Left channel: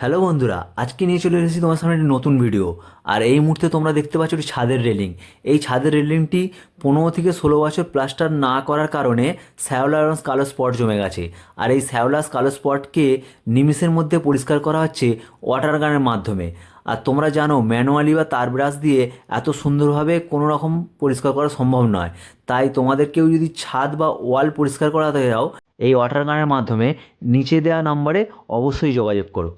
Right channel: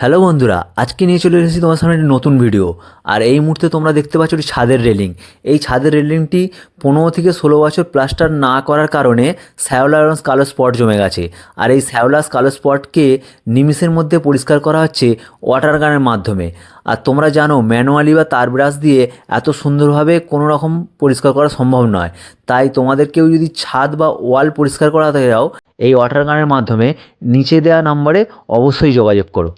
Hello বন্ধুরা, আজকে নিয়ে চলে এসেছি তোমার সামনে একটি নতুন ভিডিও। আর এই মুহূর্তে তোমরা দেখতে পাচ্ছ একটি ছাদের রেলিং। এই ছাদের রেলিংটি 15 থেকে 16 বছর প্লাস্টার না করার কারণে শ্যাওলা এবং কালো স্পট জমে গেছে। আর এই শ্যাওলা কালো স্পটকে নিমিষের মধ্যে পরিষ্কার করা হচ্ছে ওয়াটার গানের মাধ্যমে। আর তোমরা জানো ম্যানুয়ালি বা তার ব্রাশ দিয়ে এত সুন্দরভাবে কোনো রকম পরিষ্কার করা সম্ভব নয়। তাই তোমাদেরকেও যদি ছাদ বা ওয়াল পরিষ্কার করাতে যাও, এই ওয়াটার গানের মাধ্যমে নিচে দেওয়া নাম্বারে অবশ্যই যোগাযোগ করো।